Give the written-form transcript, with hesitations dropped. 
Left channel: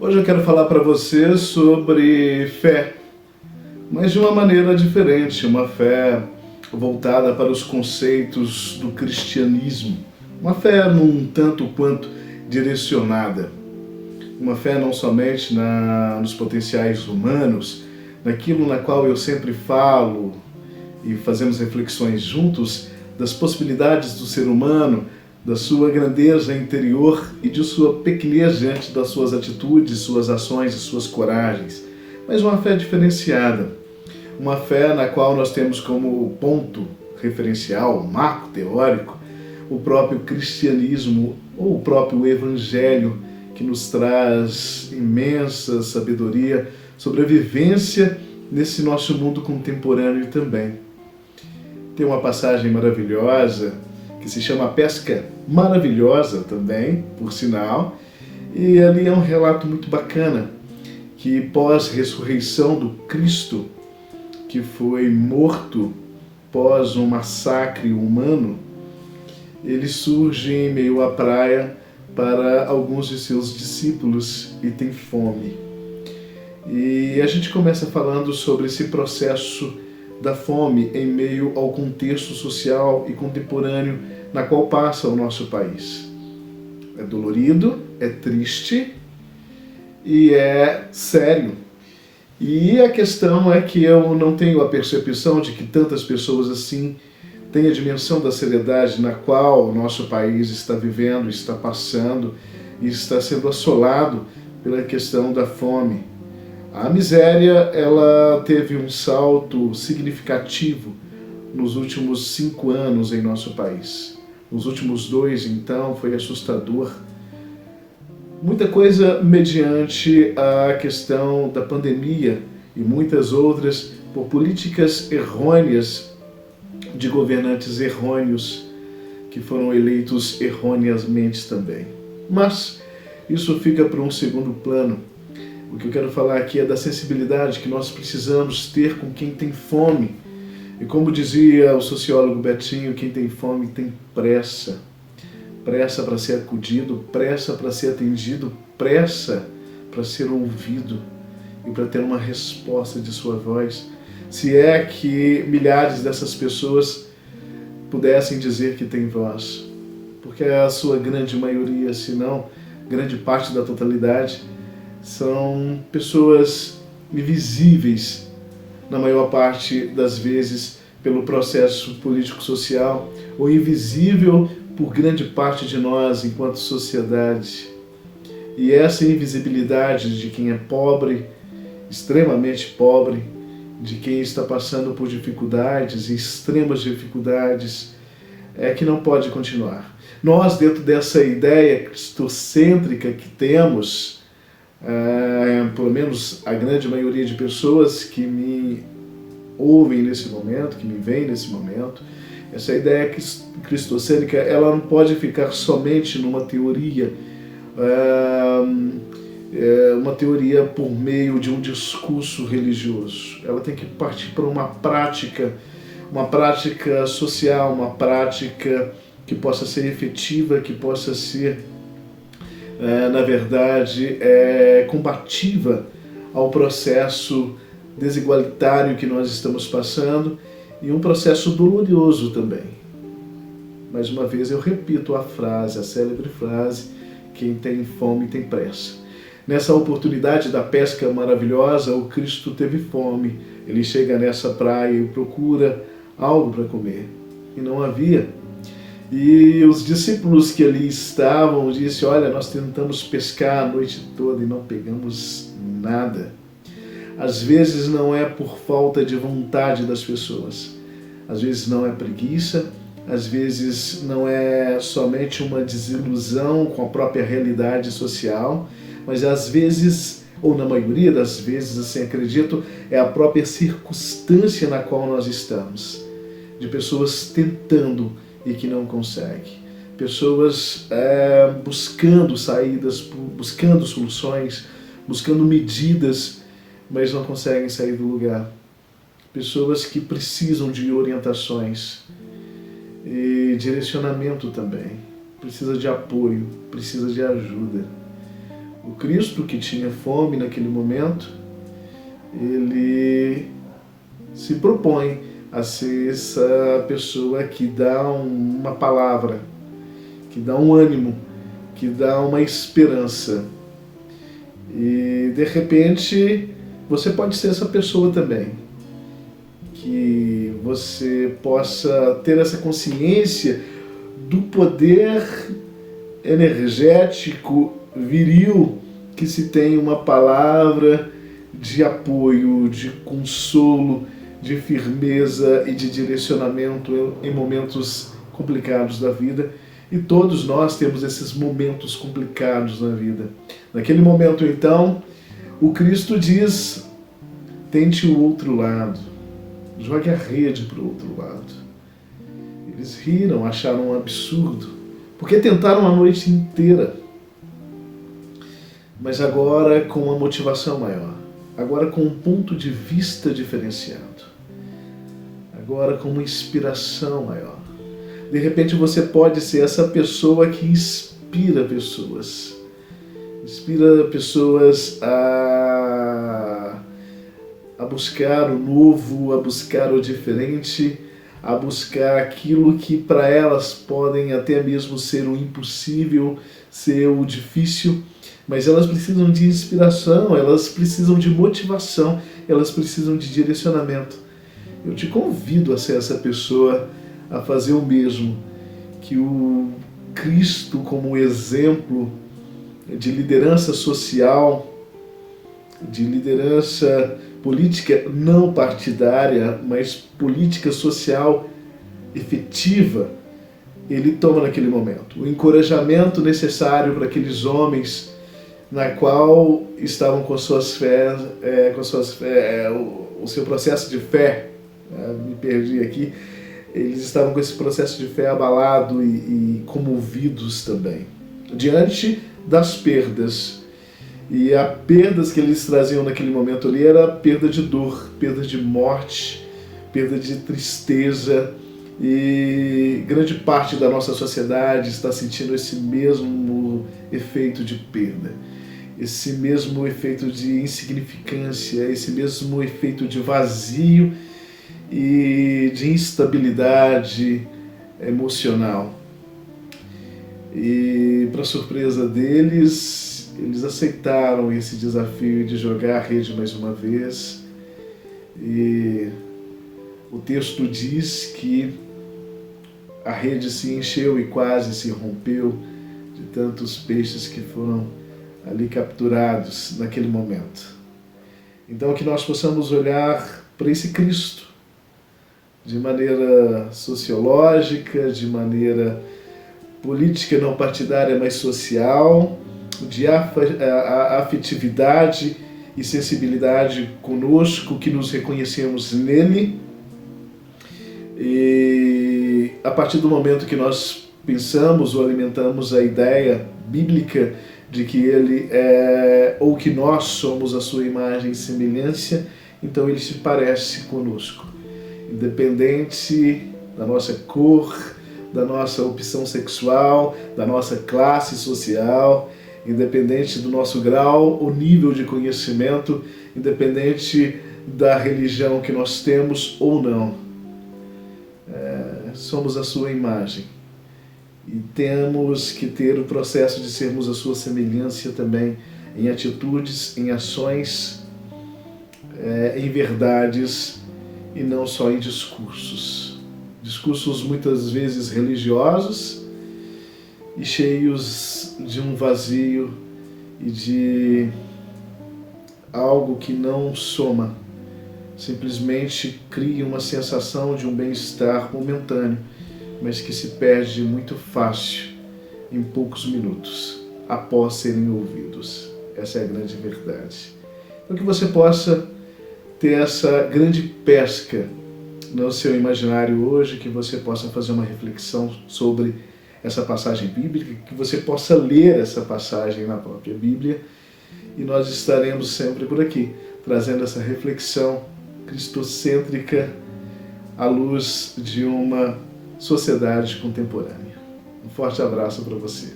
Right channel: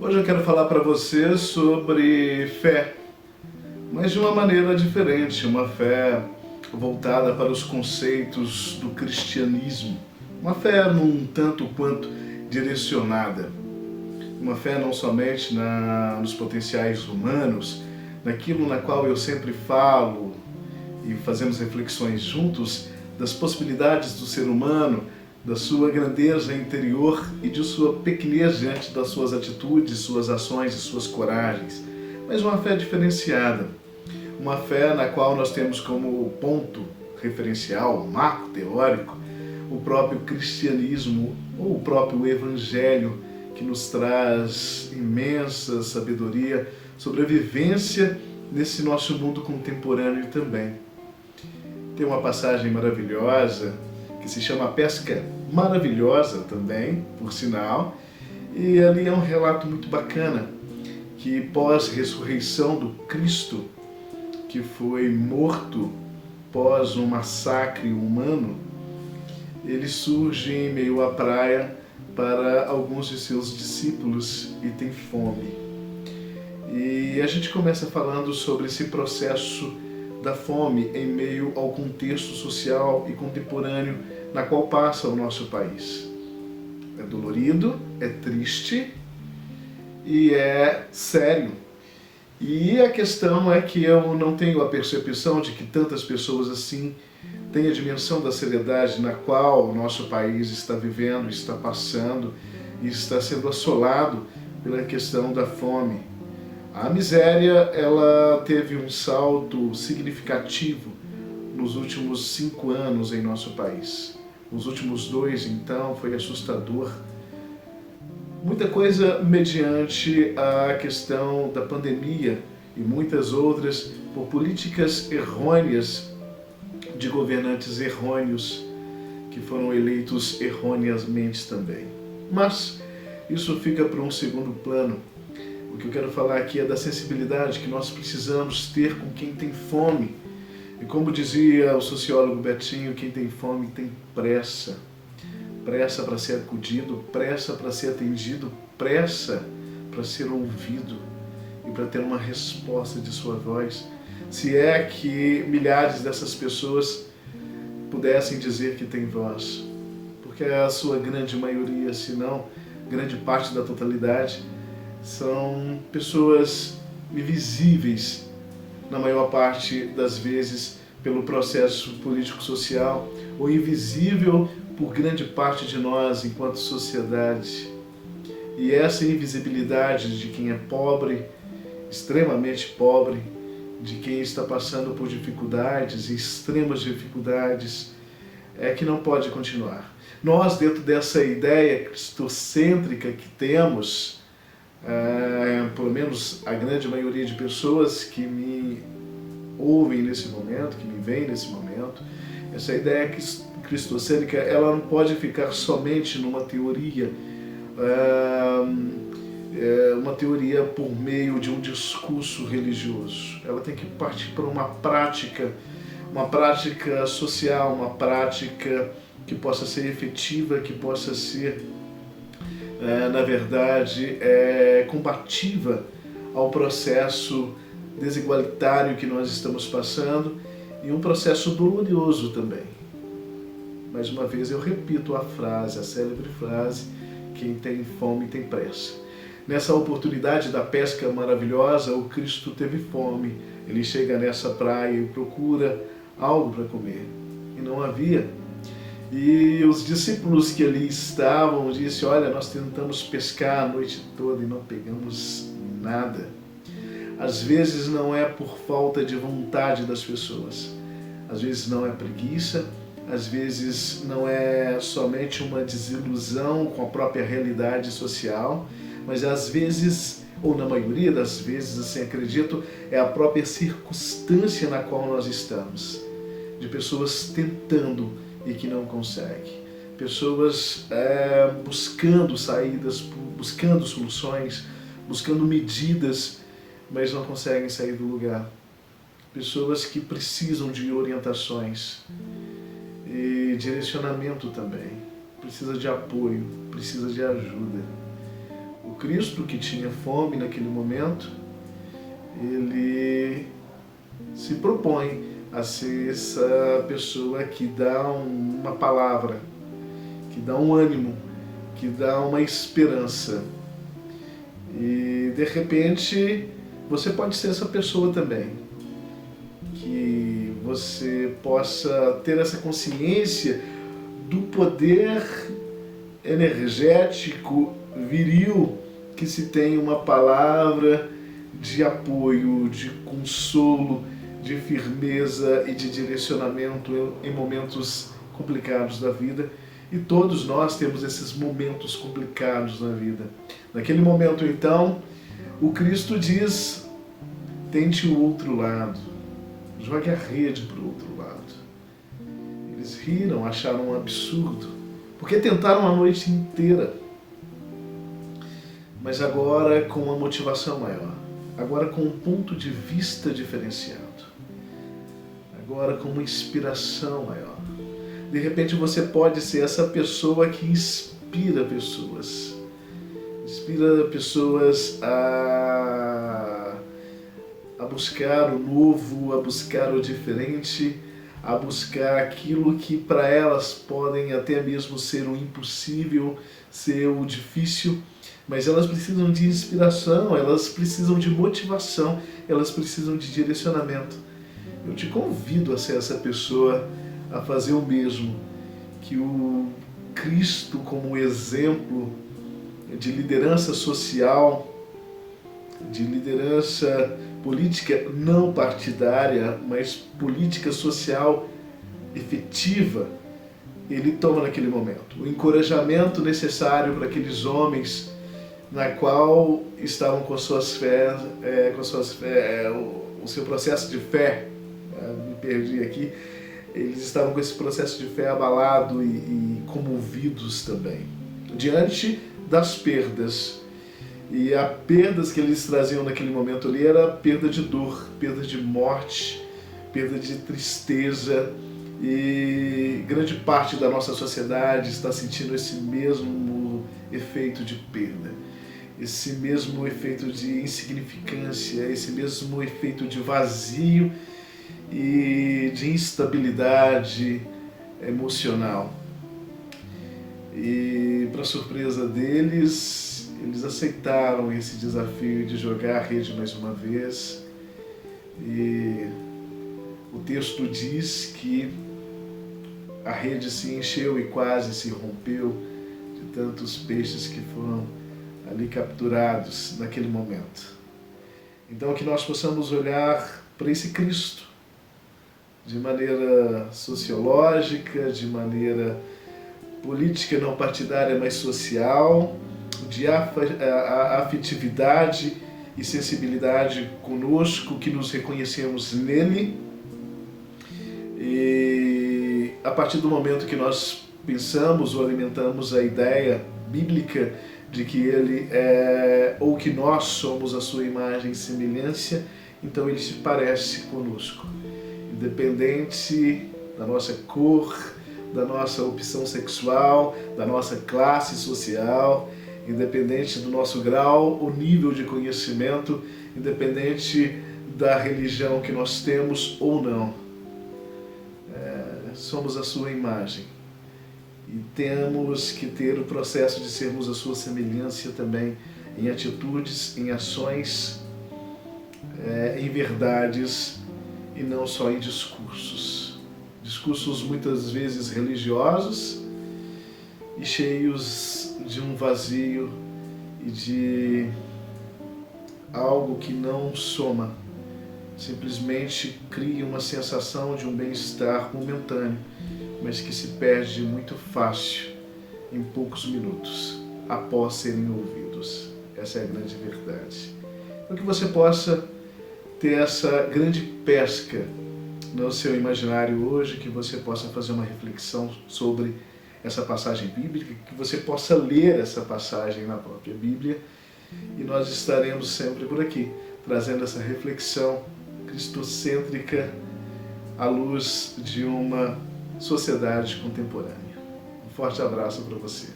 Hoje eu quero falar para você sobre fé, mas de uma maneira diferente, uma fé voltada para os conceitos do cristianismo, uma fé num tanto quanto direcionada, uma fé não somente nos potenciais humanos, naquilo na qual eu sempre falo e fazemos reflexões juntos das possibilidades do ser humano, da sua grandeza interior e de sua pequenez diante das suas atitudes, suas ações e suas coragens, mas uma fé diferenciada, uma fé na qual nós temos como ponto referencial, marco teórico, o próprio cristianismo ou o próprio evangelho, que nos traz imensa sabedoria sobre a vivência nesse nosso mundo contemporâneo também. Tem uma passagem maravilhosa que se chama Pesca Maravilhosa também, por sinal, e ali é um relato muito bacana que pós-ressurreição do Cristo, que foi morto pós um massacre humano, ele surge em meio à praia para alguns de seus discípulos e tem fome. E a gente começa falando sobre esse processo da fome em meio ao contexto social e contemporâneo na qual passa o nosso país. É dolorido, é triste e é sério. E a questão é que eu não tenho a percepção de que tantas pessoas assim têm a dimensão da seriedade na qual o nosso país está vivendo, está passando e está sendo assolado pela questão da fome. A miséria, ela teve um salto significativo nos últimos 5 anos em nosso país. Nos últimos 2, então, foi assustador. Muita coisa mediante a questão da pandemia e muitas outras por políticas errôneas de governantes errôneos que foram eleitos erroneamente também. Mas isso fica para um segundo plano. O que eu quero falar aqui é da sensibilidade que nós precisamos ter com quem tem fome. E como dizia o sociólogo Betinho, quem tem fome tem pressa. Pressa para ser acudido, pressa para ser atendido, pressa para ser ouvido e para ter uma resposta de sua voz. Se é que milhares dessas pessoas pudessem dizer que tem voz. Porque a sua grande maioria, se não grande parte da totalidade, são pessoas invisíveis, na maior parte das vezes, pelo processo político-social, ou invisível por grande parte de nós enquanto sociedade. E essa invisibilidade de quem é pobre, extremamente pobre, de quem está passando por dificuldades, extremas dificuldades, é que não pode continuar. Nós, dentro dessa ideia cristocêntrica que temos, pelo menos a grande maioria de pessoas que me ouvem nesse momento, que me veem nesse momento, essa ideia cristocêntrica, ela não pode ficar somente numa teoria, uma teoria por meio de um discurso religioso. Ela tem que partir para uma prática social, uma prática que possa ser efetiva, que possa ser na verdade, combativa ao processo desigualitário que nós estamos passando e um processo doloroso também. Mais uma vez eu repito a frase, a célebre frase, quem tem fome tem pressa. Nessa oportunidade da pesca maravilhosa, o Cristo teve fome. Ele chega nessa praia e procura algo para comer. E não havia. E os discípulos que ali estavam disseram: olha, nós tentamos pescar a noite toda e não pegamos nada. Às vezes não é por falta de vontade das pessoas, às vezes não é preguiça, às vezes não é somente uma desilusão com a própria realidade social, mas às vezes, ou na maioria das vezes, assim acredito, é a própria circunstância na qual nós estamos, de pessoas tentando e que não consegue. Pessoas buscando saídas, buscando soluções, buscando medidas, mas não conseguem sair do lugar. Pessoas que precisam de orientações e direcionamento também. Precisa de apoio, precisa de ajuda. O Cristo, que tinha fome naquele momento, ele se propõe a ser essa pessoa que dá uma palavra, que dá um ânimo, que dá uma esperança. E de repente você pode ser essa pessoa também, que você possa ter essa consciência do poder energético, viril, que se tem uma palavra de apoio, de consolo, de firmeza e de direcionamento em momentos complicados da vida. E todos nós temos esses momentos complicados na vida. Naquele momento, então, o Cristo diz: tente o outro lado, jogue a rede para o outro lado. Eles riram, acharam um absurdo, porque tentaram a noite inteira, mas agora com uma motivação maior, agora com um ponto de vista diferenciado, agora com uma inspiração maior. De repente você pode ser essa pessoa que inspira pessoas a buscar o novo, a buscar o diferente, a buscar aquilo que para elas podem até mesmo ser o impossível, ser o difícil, mas elas precisam de inspiração, elas precisam de motivação, elas precisam de direcionamento. Eu te convido a ser essa pessoa, a fazer o mesmo, que o Cristo, como exemplo de liderança social, de liderança política não partidária, mas política social efetiva, ele toma naquele momento. O encorajamento necessário para aqueles homens na qual estavam com suas fés, o seu processo de fé, me perdi aqui, eles estavam com esse processo de fé abalado e comovidos também, diante das perdas. E as perdas que eles traziam naquele momento ali era perda de dor, perda de morte, perda de tristeza, e grande parte da nossa sociedade está sentindo esse mesmo efeito de perda, esse mesmo efeito de insignificância, esse mesmo efeito de vazio e de instabilidade emocional. E para surpresa deles, eles aceitaram esse desafio de jogar a rede mais uma vez. E o texto diz que a rede se encheu e quase se rompeu de tantos peixes que foram ali capturados naquele momento. Então que nós possamos olhar para esse Cristo de maneira sociológica, de maneira política não partidária, mas social, de afetividade e sensibilidade conosco, que nos reconhecemos nele. E a partir do momento que nós pensamos ou alimentamos a ideia bíblica de que ele é, ou que nós somos a sua imagem e semelhança, então ele se parece conosco, independente da nossa cor, da nossa opção sexual, da nossa classe social, independente do nosso grau ou nível de conhecimento, independente da religião que nós temos ou não. Somos a sua imagem e temos que ter o processo de sermos a sua semelhança também em atitudes, em ações, em verdades e não só em discursos. Discursos muitas vezes religiosos e cheios de um vazio e de algo que não soma, simplesmente cria uma sensação de um bem-estar momentâneo, mas que se perde muito fácil em poucos minutos, após serem ouvidos. Essa é a grande verdade. Então que você possa ter essa grande pesca no seu imaginário hoje, que você possa fazer uma reflexão sobre essa passagem bíblica, que você possa ler essa passagem na própria Bíblia, e nós estaremos sempre por aqui, trazendo essa reflexão cristocêntrica à luz de uma sociedade contemporânea. Um forte abraço para você.